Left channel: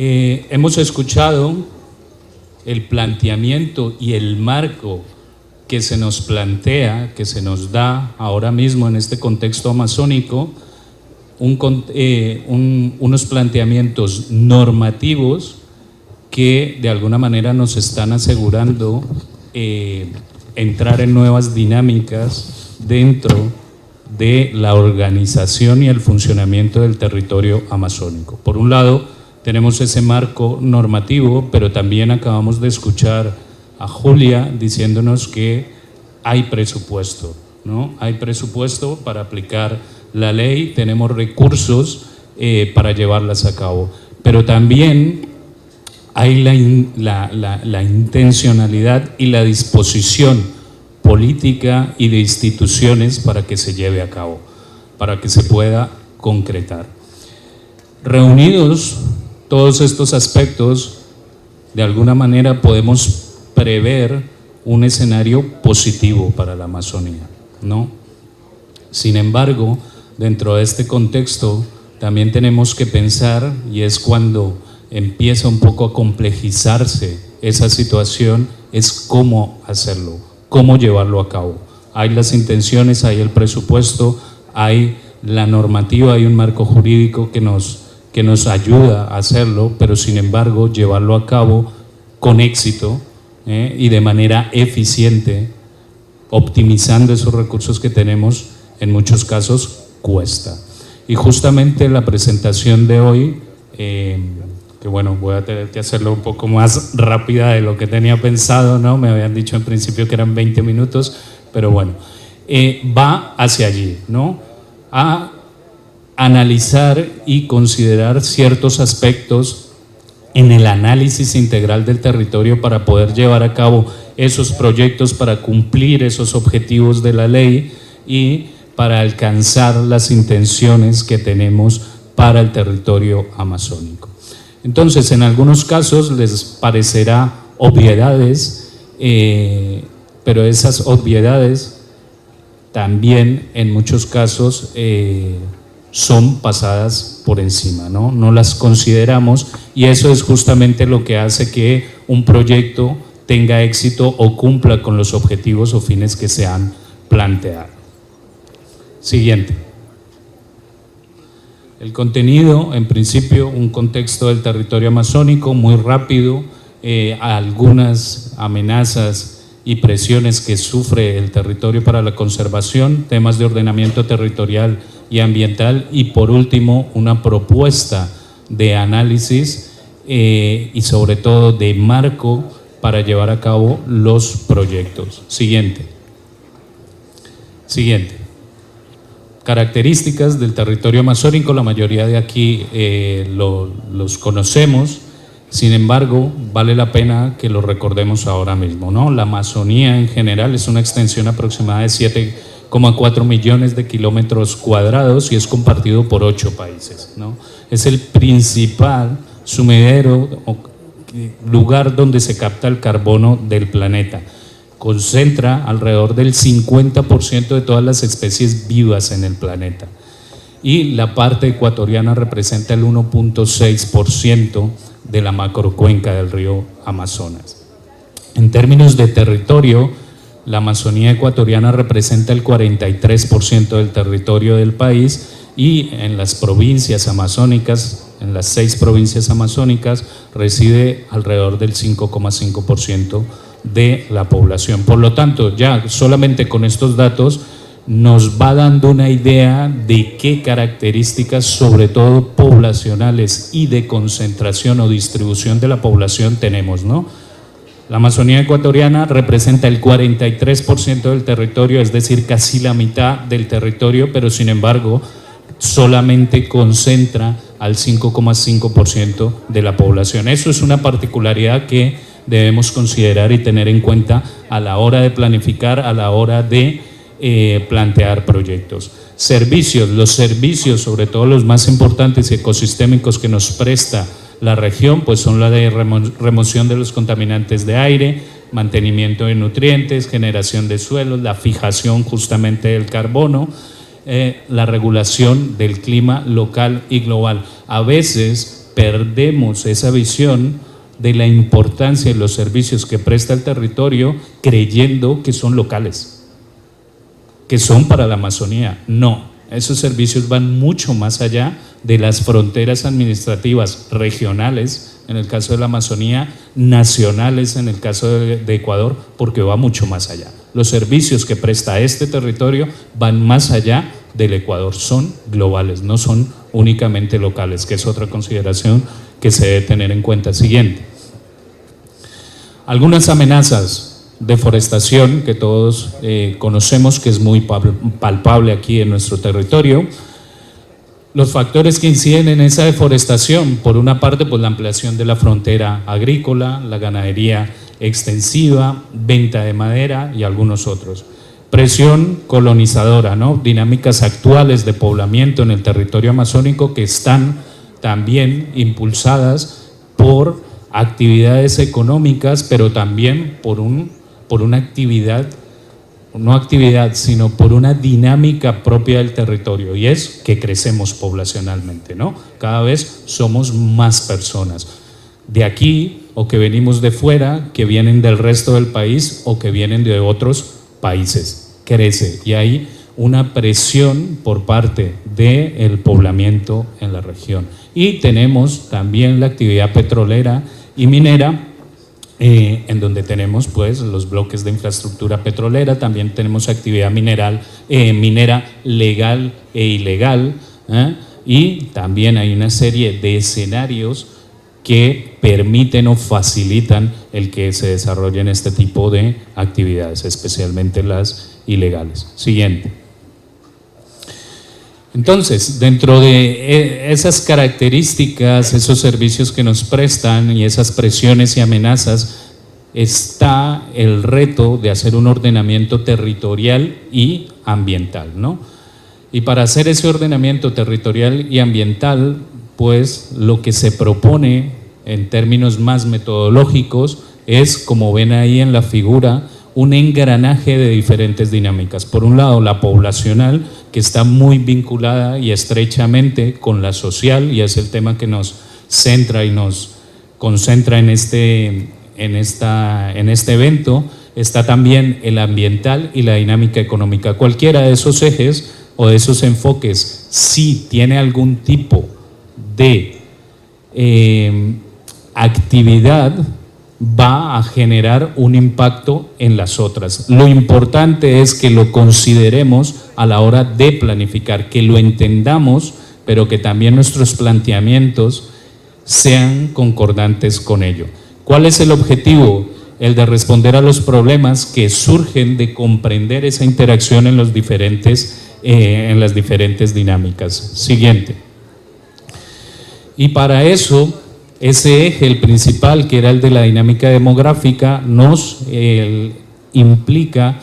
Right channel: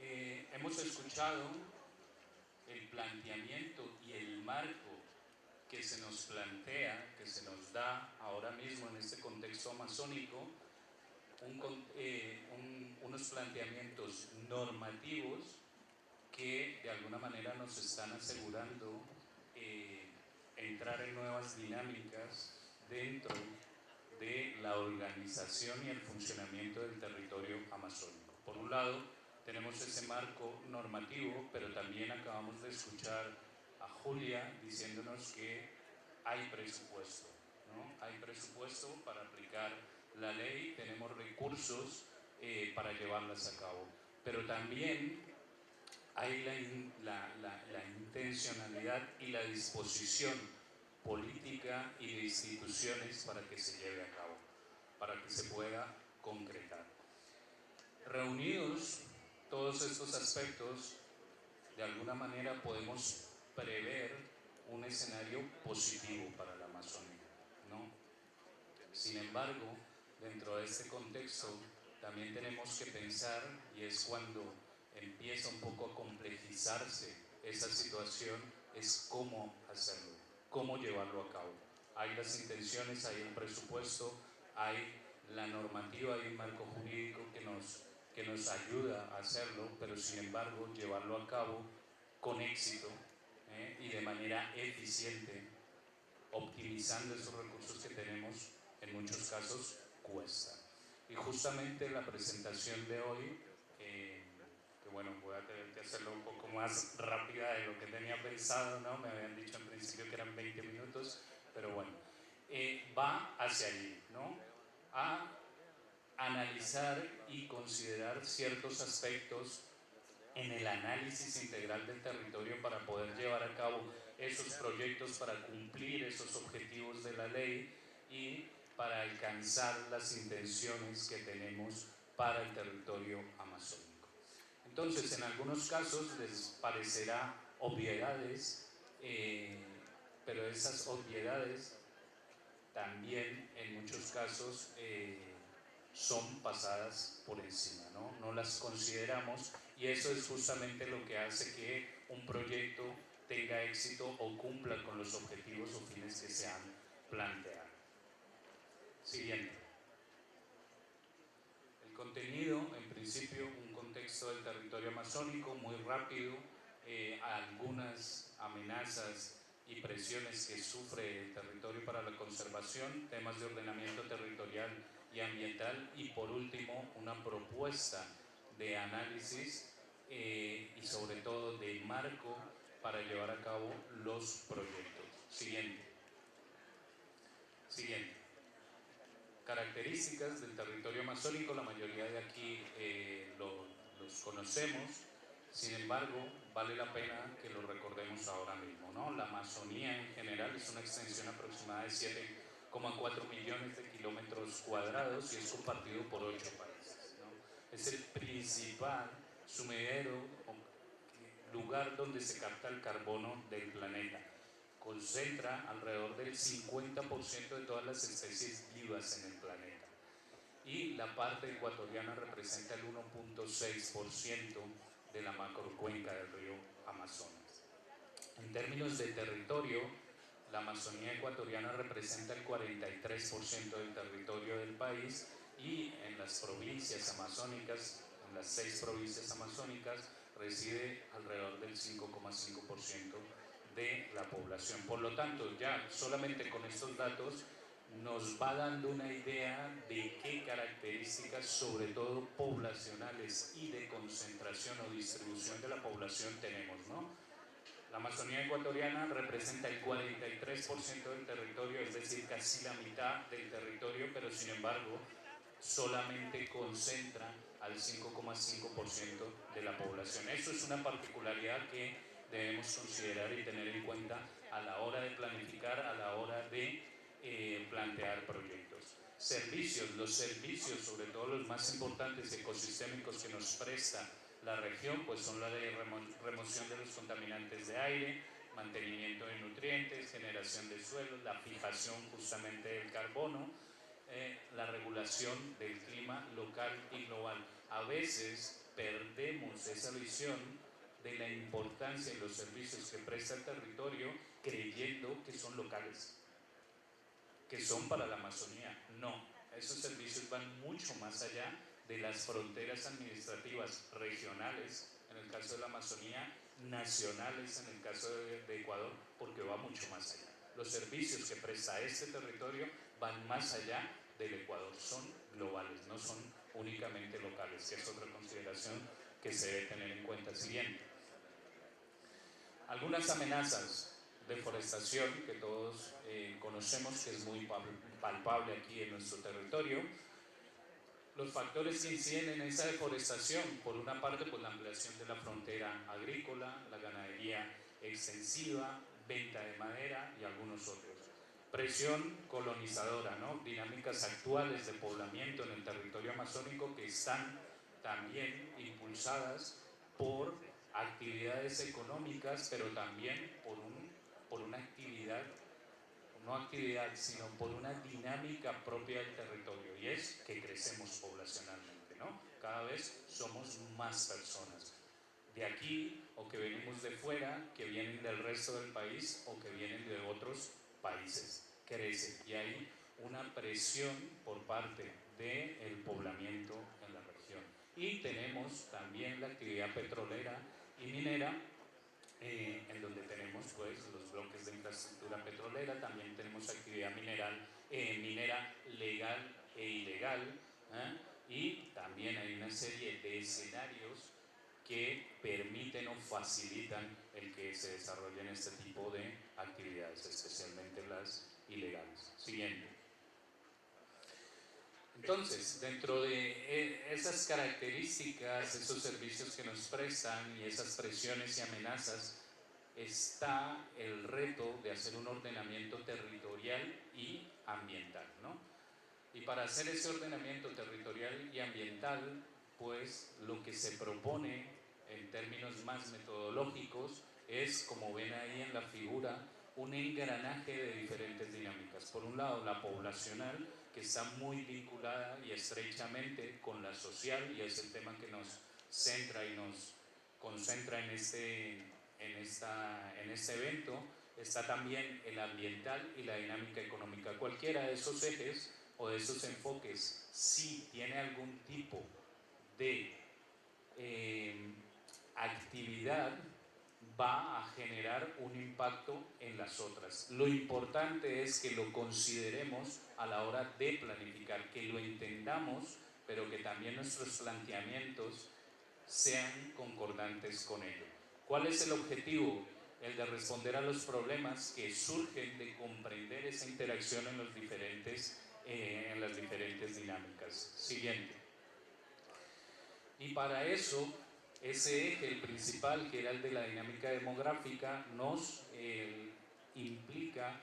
Hemos escuchado el planteamiento y el marco que se nos plantea, que se nos da ahora mismo en este contexto amazónico, unos planteamientos normativos que de alguna manera nos están asegurando entrar en nuevas dinámicas dentro de la organización y el funcionamiento del territorio amazónico. Por un lado, tenemos ese marco normativo, pero también acabamos de escuchar a Julia diciéndonos que hay presupuesto, ¿no? Hay presupuesto para aplicar la ley, tenemos recursos para llevarlas a cabo, pero también hay la intencionalidad y la disposición política y de instituciones para que se lleve a cabo, para que se pueda concretar. Reunidos todos estos aspectos, de alguna manera podemos prever un escenario positivo para la Amazonía, ¿no? Sin embargo, dentro de este contexto también tenemos que pensar, y es cuando empieza un poco a complejizarse esa situación, es cómo hacerlo, cómo llevarlo a cabo. Hay las intenciones, hay el presupuesto, hay la normativa, hay un marco jurídico que nos ayuda a hacerlo, pero sin embargo llevarlo a cabo con éxito y de manera eficiente, optimizando esos recursos que tenemos, en muchos casos cuesta. Y justamente la presentación de hoy, que bueno, voy a tener que hacerlo un poco más rápida de lo que tenía pensado, ¿no? Me habían dicho en principio que eran 20 minutos, pero bueno, va hacia allí, ¿no? A analizar y considerar ciertos aspectos en el análisis integral del territorio para poder llevar a cabo esos proyectos, para cumplir esos objetivos de la ley y para alcanzar las intenciones que tenemos para el territorio amazónico. Entonces, en algunos casos les parecerá obviedades, pero esas obviedades también en muchos casos son pasadas por encima, ¿no? No las consideramos, y eso es justamente lo que hace que un proyecto tenga éxito o cumpla con los objetivos o fines que se han planteado. Siguiente. El contenido, en principio, un contexto del territorio amazónico muy rápido, algunas amenazas y presiones que sufre el territorio para la conservación, temas de ordenamiento territorial y ambiental, y por último una propuesta de análisis y sobre todo de marco para llevar a cabo los proyectos. Siguiente. Características del territorio amazónico, la mayoría de aquí los conocemos, sin embargo, vale la pena que lo recordemos ahora mismo, ¿no? La Amazonía en general es una extensión aproximada de 7,4 millones de kilómetros cuadrados y es compartido por 8 países, ¿no? Es el principal sumidero o lugar donde se capta el carbono del planeta. Concentra alrededor del 50% de todas las especies vivas en el planeta. Y la parte ecuatoriana representa el 1,6% de la macrocuenca del río Amazonas. En términos de territorio, la Amazonía ecuatoriana representa el 43% del territorio del país, y en las provincias amazónicas, en las 6 provincias amazónicas, reside alrededor del 5,5% de la población. Por lo tanto, ya solamente con estos datos nos va dando una idea de qué características, sobre todo poblacionales y de concentración o distribución de la población tenemos, ¿no? La Amazonía ecuatoriana representa el 43% del territorio, es decir, casi la mitad del territorio, pero sin embargo solamente concentra al 5,5% de la población. Eso es una particularidad que debemos considerar y tener en cuenta a la hora de planificar, a la hora de plantear proyectos. Servicios, los servicios, sobre todo los más importantes y ecosistémicos que nos presta la región, pues son la de remoción de los contaminantes de aire, mantenimiento de nutrientes, generación de suelos, la fijación justamente del carbono, la regulación del clima local y global. A veces perdemos esa visión de la importancia de los servicios que presta el territorio creyendo que son locales, que son para la Amazonía. No, esos servicios van mucho más allá de las fronteras administrativas regionales, en el caso de la Amazonía, nacionales en el caso de Ecuador, porque va mucho más allá. Los servicios que presta este territorio van más allá del Ecuador, son globales, no son únicamente locales, que es otra consideración que se debe tener en cuenta. Siguiente. Algunas amenazas: deforestación, que todos conocemos, que es muy palpable aquí en nuestro territorio. Los factores que inciden en esa deforestación: por una parte, pues la ampliación de la frontera agrícola, la ganadería extensiva, venta de madera y algunos otros. Presión colonizadora, ¿no? Dinámicas actuales de poblamiento en el territorio amazónico que están también impulsadas por actividades económicas, pero también por una actividad, no actividad, sino por una dinámica propia del territorio, y es que crecemos poblacionalmente, ¿no? Cada vez somos más personas de aquí o que venimos de fuera, que vienen del resto del país o que vienen de otros países. Crece y hay una presión por parte del poblamiento en la región. Y tenemos también la actividad petrolera y minera, en donde tenemos pues los bloques de infraestructura petrolera, también tenemos actividad minera legal e ilegal, y también hay una serie de escenarios que permiten o facilitan el que se desarrollen este tipo de actividades, especialmente las ilegales. Siguiente. Entonces, dentro de esas características, esos servicios que nos prestan y esas presiones y amenazas, está el reto de hacer un ordenamiento territorial y ambiental, ¿no? Y para hacer ese ordenamiento territorial y ambiental, pues lo que se propone en términos más metodológicos es, como ven ahí en la figura, un engranaje de diferentes dinámicas. Por un lado, la poblacional, que está muy vinculada y estrechamente con la social, y es el tema que nos centra y nos concentra en este evento. Está también el ambiental y la dinámica económica. Cualquiera de esos ejes o de esos enfoques, si tiene algún tipo de actividad, va a generar un impacto en las otras. Lo importante es que lo consideremos a la hora de planificar, que lo entendamos, pero que también nuestros planteamientos sean concordantes con ello. ¿Cuál es el objetivo? El de responder a los problemas que surgen de comprender esa interacción en las diferentes dinámicas. Siguiente. Y para eso, ese eje, el principal, que era el de la dinámica demográfica, nos implica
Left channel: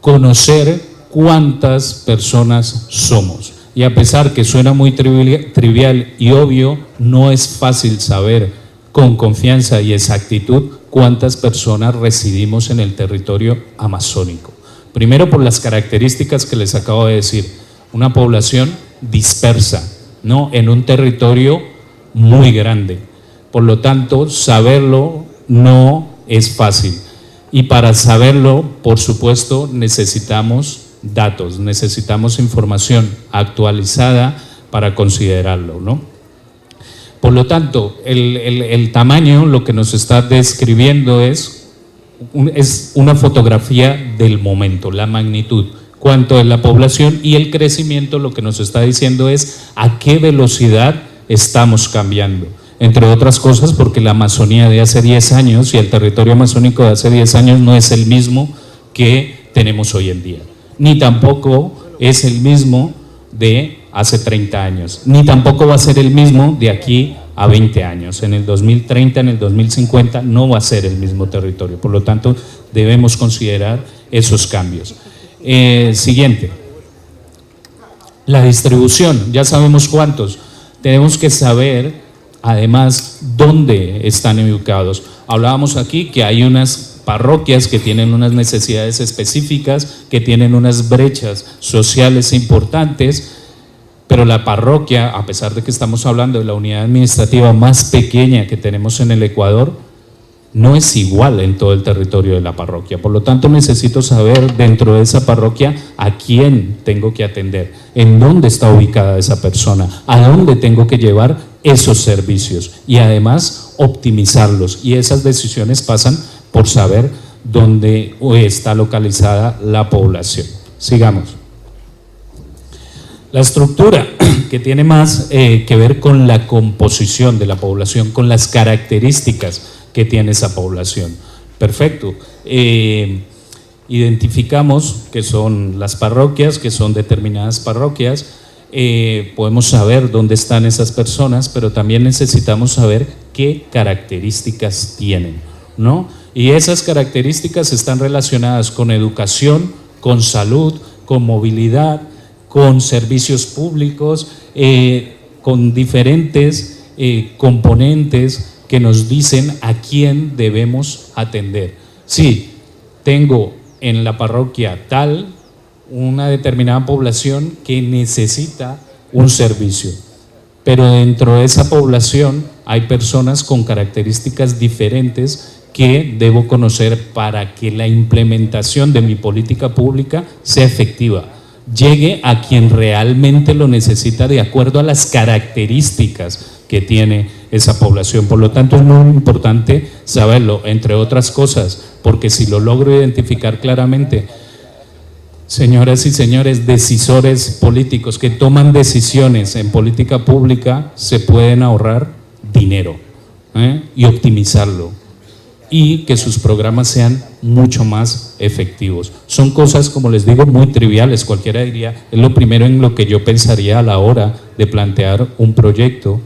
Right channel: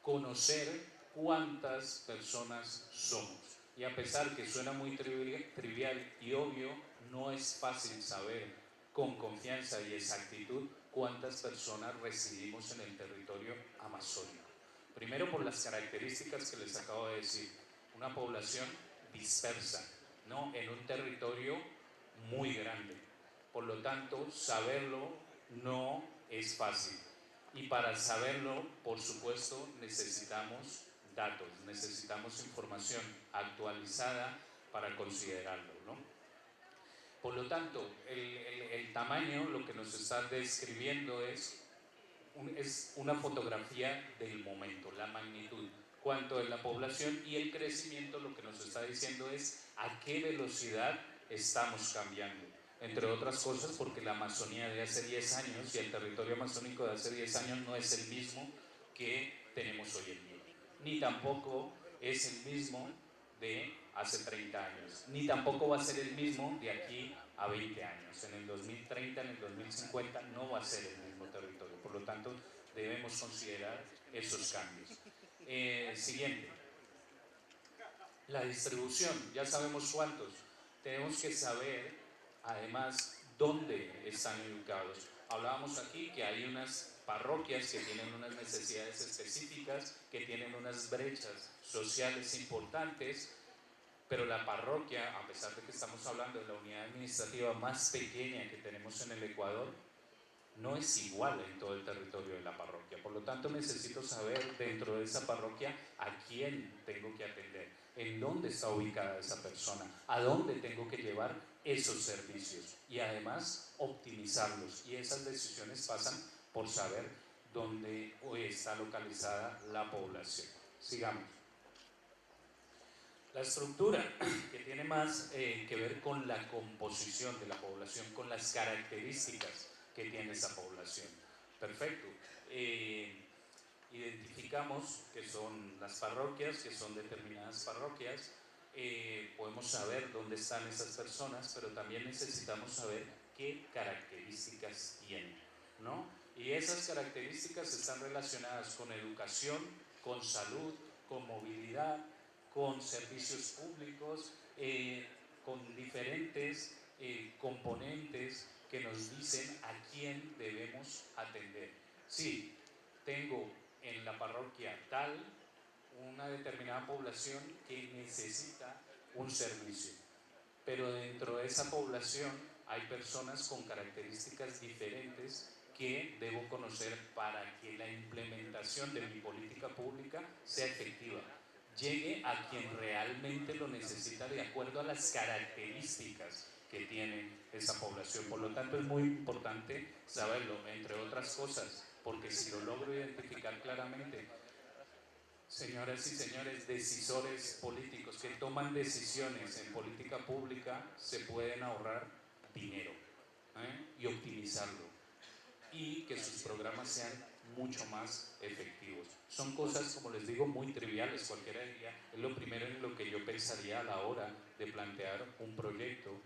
conocer cuántas personas somos. Y a pesar que suena muy trivial y obvio, no es fácil saber con confianza y exactitud cuántas personas residimos en el territorio amazónico. Primero, por las características que les acabo de decir, una población dispersa, ¿no? En un territorio muy grande. Por lo tanto, saberlo no es fácil. Y para saberlo, por supuesto, necesitamos datos, necesitamos información actualizada para considerarlo, ¿no? Por lo tanto, el tamaño, lo que nos está describiendo es una fotografía del momento, la magnitud, cuánto es la población, y el crecimiento lo que nos está diciendo es a qué velocidad estamos cambiando. Entre otras cosas porque la Amazonía de hace 10 años y el territorio amazónico de hace 10 años no es el mismo que tenemos hoy en día, ni tampoco es el mismo de hace 30 años, ni tampoco va a ser el mismo de aquí a 20 años. En el 2030, en el 2050 no va a ser el mismo territorio. Por lo tanto, debemos considerar esos cambios. Siguiente. La distribución, ya sabemos cuántos. Tenemos que saber, además, dónde están ubicados. Hablábamos aquí que hay unas parroquias que tienen unas necesidades específicas, que tienen unas brechas sociales importantes, pero la parroquia, a pesar de que estamos hablando de la unidad administrativa más pequeña que tenemos en el Ecuador, no es igual en todo el territorio de la parroquia. Por lo tanto, necesito saber dentro de esa parroquia a quién tengo que atender, en dónde está ubicada esa persona, a dónde tengo que llevar esos servicios y además optimizarlos. Y esas decisiones pasan por saber dónde está localizada la población. Sigamos. La estructura, que tiene más que ver con la composición de la población, con las características que tiene esa población. Perfecto. Identificamos que son las parroquias, que son determinadas parroquias, podemos saber dónde están esas personas, pero también necesitamos saber qué características tienen, ¿no? Y esas características están relacionadas con educación, con salud, con movilidad, con servicios públicos, con diferentes componentes que nos dicen a quién debemos atender. Sí, tengo en la parroquia tal una determinada población que necesita un servicio, pero dentro de esa población hay personas con características diferentes que debo conocer para que la implementación de mi política pública sea efectiva, llegue a quien realmente lo necesita de acuerdo a las características que tiene esa población. Por lo tanto, es muy importante saberlo, entre otras cosas, porque si lo logro identificar claramente, señoras y señores decisores políticos que toman decisiones en política pública, se pueden ahorrar dinero y optimizarlo, y que sus programas sean mucho más efectivos. Son cosas, como les digo, muy triviales. Cualquiera diría, es lo primero en lo que yo pensaría a la hora de plantear un proyecto,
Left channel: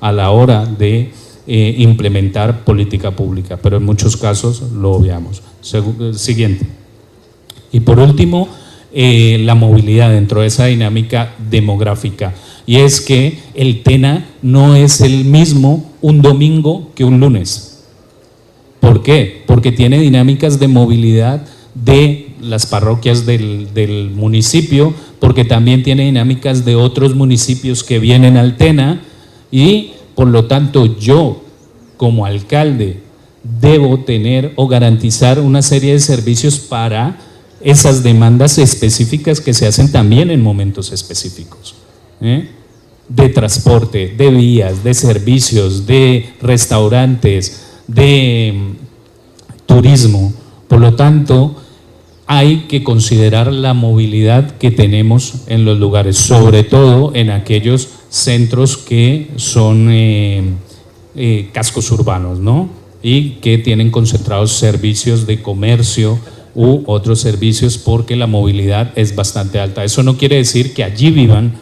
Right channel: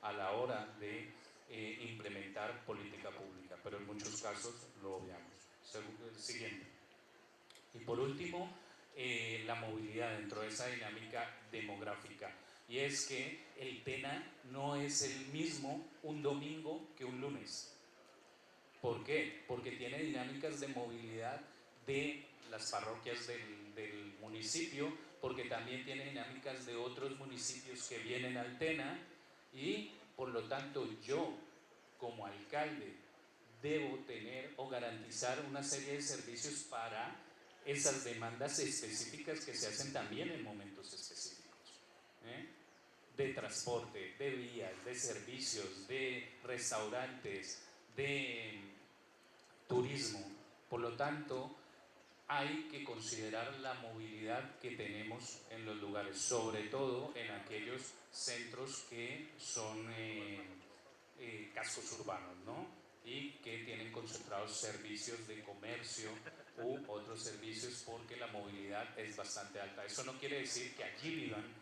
a la hora de implementar política pública, pero en muchos casos lo obviamos. Siguiente. Y por último, la movilidad dentro de esa dinámica demográfica. Y es que el TENA no es el mismo un domingo que un lunes. ¿Por qué? Porque tiene dinámicas de movilidad de las parroquias del municipio, porque también tiene dinámicas de otros municipios que vienen al TENA, y por lo tanto yo como alcalde debo tener o garantizar una serie de servicios para esas demandas específicas que se hacen también en momentos específicos, de transporte, de vías, de servicios, de restaurantes, de turismo. Por lo tanto, hay que considerar la movilidad que tenemos en los lugares, sobre todo en aquellos centros que son cascos urbanos, ¿no? Y que tienen concentrados servicios de comercio u otros servicios, porque la movilidad es bastante alta. Eso no quiere decir que allí vivan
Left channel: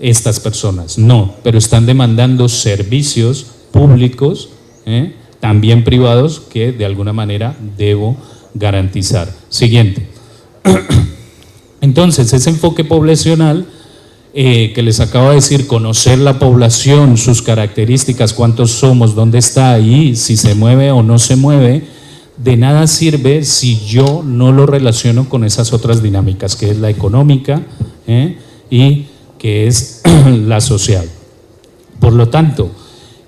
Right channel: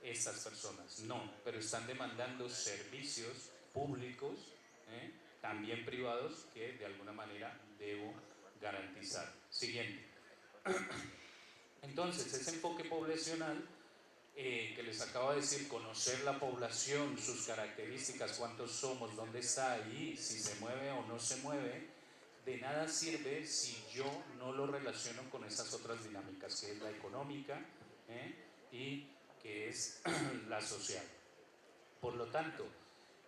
estas personas, no, pero están demandando servicios públicos, también privados, que de alguna manera debo garantizar. Siguiente. Entonces, ese enfoque poblacional que les acabo de decir, conocer la población, sus características, cuántos somos, dónde está ahí, si se mueve o no se mueve, de nada sirve si yo no lo relaciono con esas otras dinámicas, que es la económica y que es la social. Por lo tanto,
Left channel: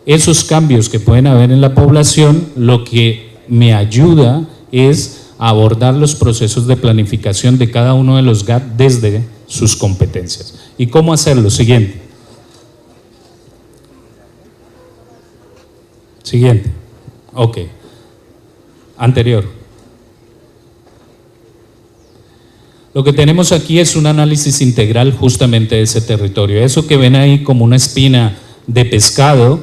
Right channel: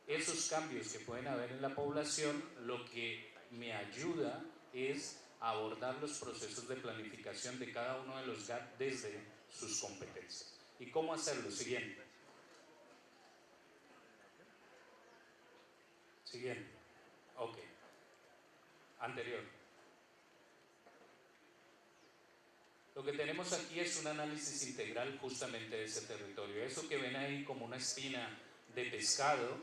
esos cambios que pueden haber en la población, lo que me ayuda es a abordar los procesos de planificación de cada uno de los GAT desde sus competencias. ¿Y cómo hacerlo? Siguiente. Siguiente. Ok. Anterior. Lo que tenemos aquí es un análisis integral justamente de ese territorio. Eso que ven ahí como una espina de pescado,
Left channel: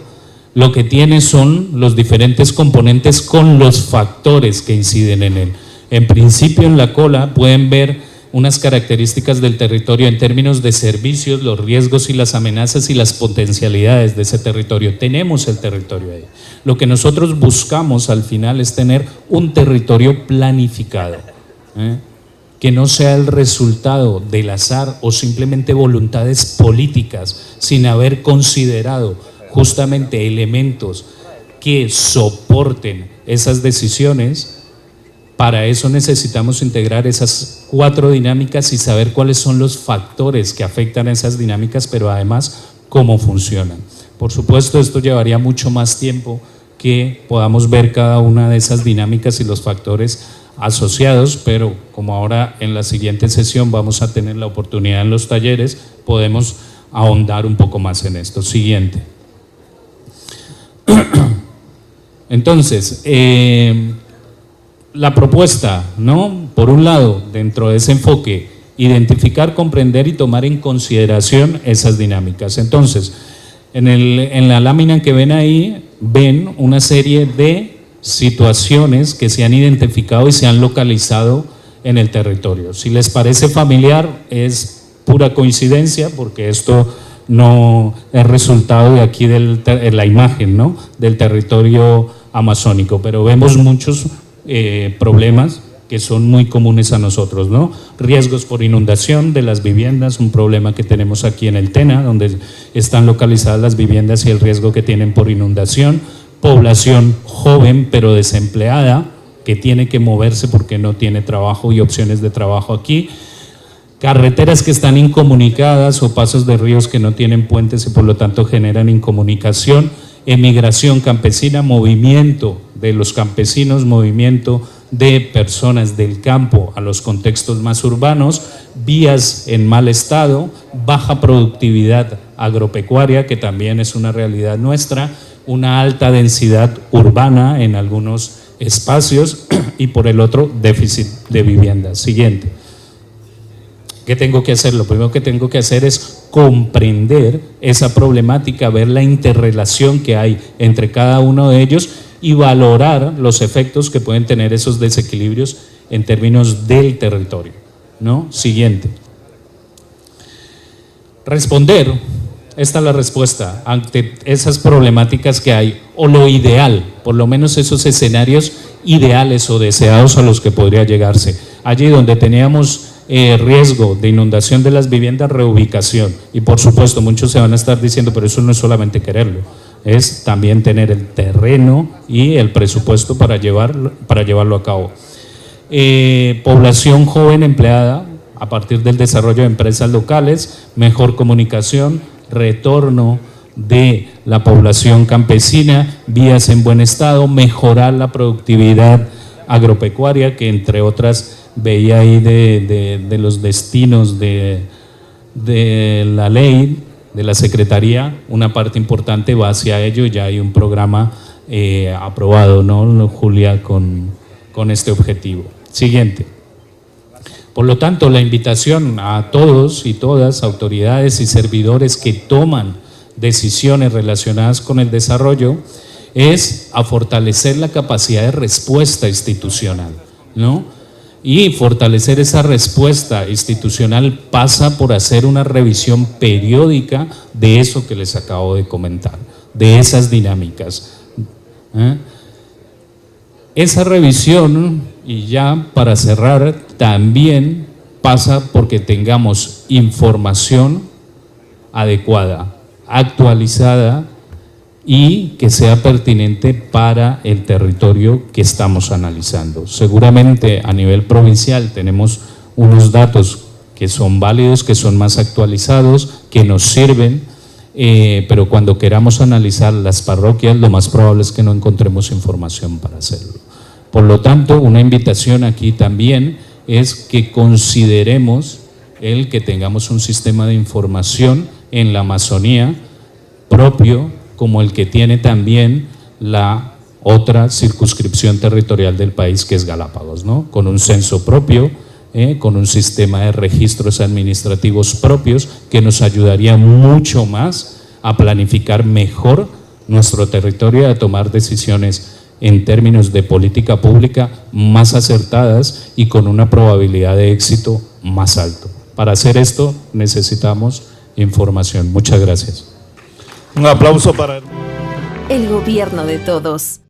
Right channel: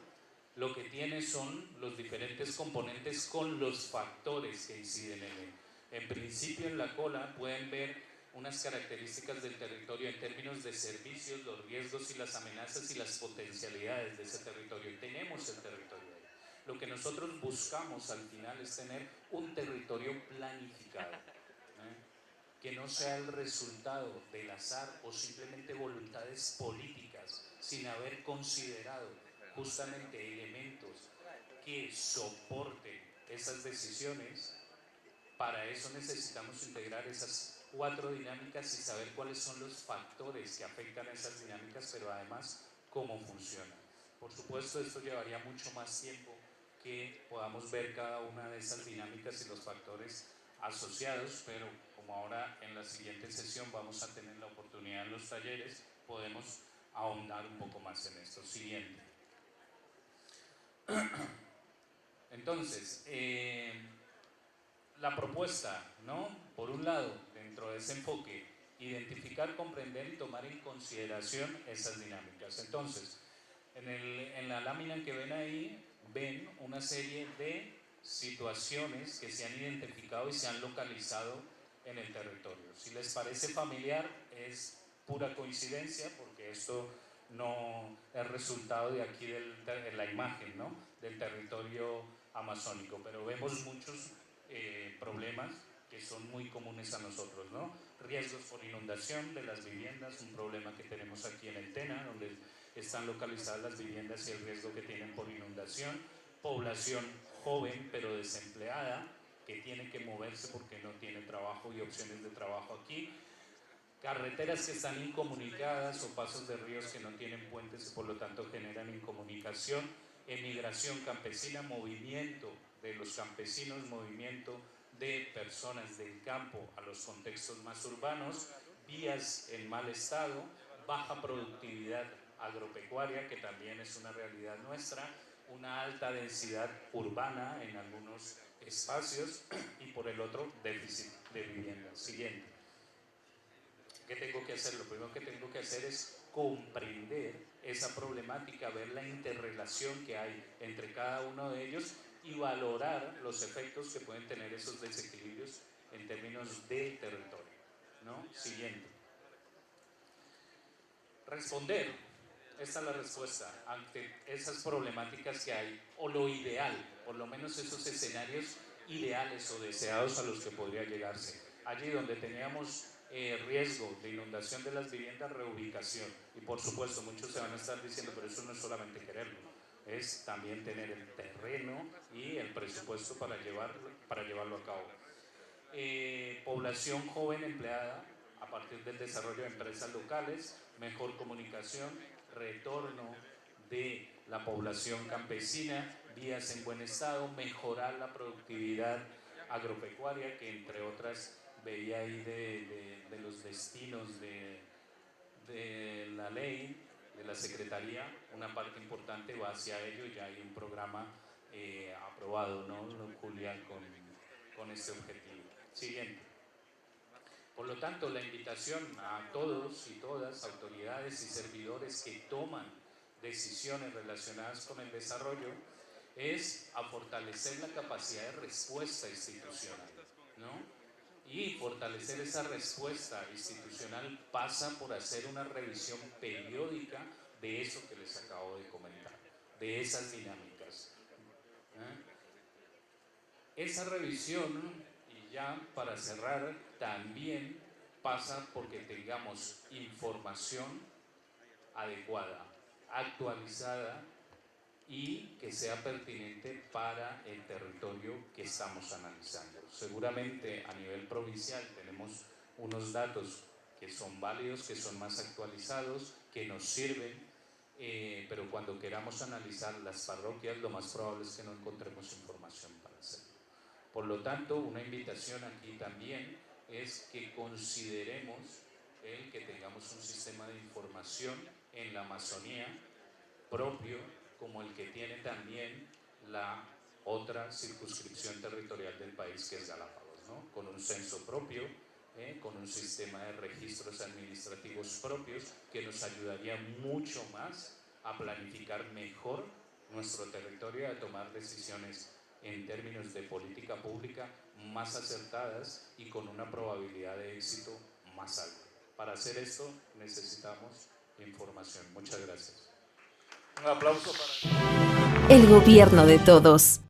lo que tiene son los diferentes componentes con los factores que inciden en él. En principio, en la cola pueden ver unas características del territorio en términos de servicios, los riesgos y las amenazas y las potencialidades de ese territorio. Tenemos el territorio ahí. Lo que nosotros buscamos al final es tener un territorio planificado, que no sea el resultado del azar o simplemente voluntades políticas sin haber considerado justamente elementos que soporten esas decisiones Para eso necesitamos integrar esas 4 dinámicas y saber cuáles son los factores que afectan a esas dinámicas, pero además cómo funcionan. Por supuesto, esto llevaría mucho más tiempo que podamos ver cada una de esas dinámicas y los factores asociados, pero como ahora en la siguiente sesión vamos a tener la oportunidad en los talleres, podemos ahondar un poco más en esto. Siguiente. Entonces, la propuesta, ¿no? Por un lado, dentro de ese enfoque, identificar, comprender y tomar en consideración esas dinámicas. Entonces, en la lámina que ven ahí, ven una serie de situaciones que se han identificado y se han localizado en el territorio. Si les parece familiar, es pura coincidencia, porque esto no es resultado de aquí de la imagen, ¿no? Del territorio amazónico, pero vemos muchos problemas que son muy comunes a nosotros, ¿no? Riesgos por inundación de las viviendas, un problema que tenemos aquí en el Tena, donde están localizadas las viviendas y el riesgo que tienen por inundación. Población joven pero desempleada, que tiene que moverse porque no tiene trabajo y opciones de trabajo aquí. Carreteras que están incomunicadas o pasos de ríos que no tienen puentes y por lo tanto generan incomunicación. Emigración campesina, movimiento de los campesinos, movimiento de personas del campo a los contextos más urbanos, vías en mal estado, baja productividad agropecuaria, que también es una realidad nuestra, una alta densidad urbana en algunos espacios y por el otro déficit de vivienda. Siguiente. ¿Qué tengo que hacer? Lo primero que tengo que hacer es comprender esa problemática, ver la interrelación que hay entre cada uno de ellos y valorar los efectos que pueden tener esos desequilibrios en términos del territorio, ¿no? Siguiente. Responder, esta es la respuesta ante esas problemáticas que hay, o lo ideal, por lo menos esos escenarios ideales o deseados a los que podría llegarse. Allí donde teníamos riesgo de inundación de las viviendas, reubicación. Y por supuesto, muchos se van a estar diciendo, pero eso no es solamente quererlo, es también tener el terreno y el presupuesto para llevarlo a cabo. Población joven empleada a partir del desarrollo de empresas locales, mejor comunicación, retorno de la población campesina, vías en buen estado, mejorar la productividad agropecuaria, que entre otras veía ahí de los destinos de la ley, de la Secretaría, una parte importante va hacia ello. Ya hay un programa aprobado, ¿no, Julia, con este objetivo? Siguiente. Por lo tanto, la invitación a todos y todas, autoridades y servidores que toman decisiones relacionadas con el desarrollo, es a fortalecer la capacidad de respuesta institucional, ¿no? Y fortalecer esa respuesta institucional pasa por hacer una revisión periódica de eso que les acabo de comentar, de esas dinámicas. Esa revisión, y ya para cerrar, también pasa porque tengamos información adecuada, actualizada y que sea pertinente para el territorio que estamos analizando. Seguramente a nivel provincial tenemos unos datos que son válidos, que son más actualizados, que nos sirven, pero cuando queramos analizar las parroquias, lo más probable es que no encontremos información para hacerlo. Por lo tanto, una invitación aquí también es que consideremos el que tengamos un sistema de información en la Amazonía propio, como el que tiene también la otra circunscripción territorial del país, que es Galápagos, ¿no? Con un censo propio, con un sistema de registros administrativos propios que nos ayudaría mucho más a planificar mejor nuestro territorio y a tomar decisiones en términos de política pública más acertadas y con una probabilidad de éxito más alto. Para hacer esto necesitamos información. Muchas gracias. Un aplauso para el gobierno de todos.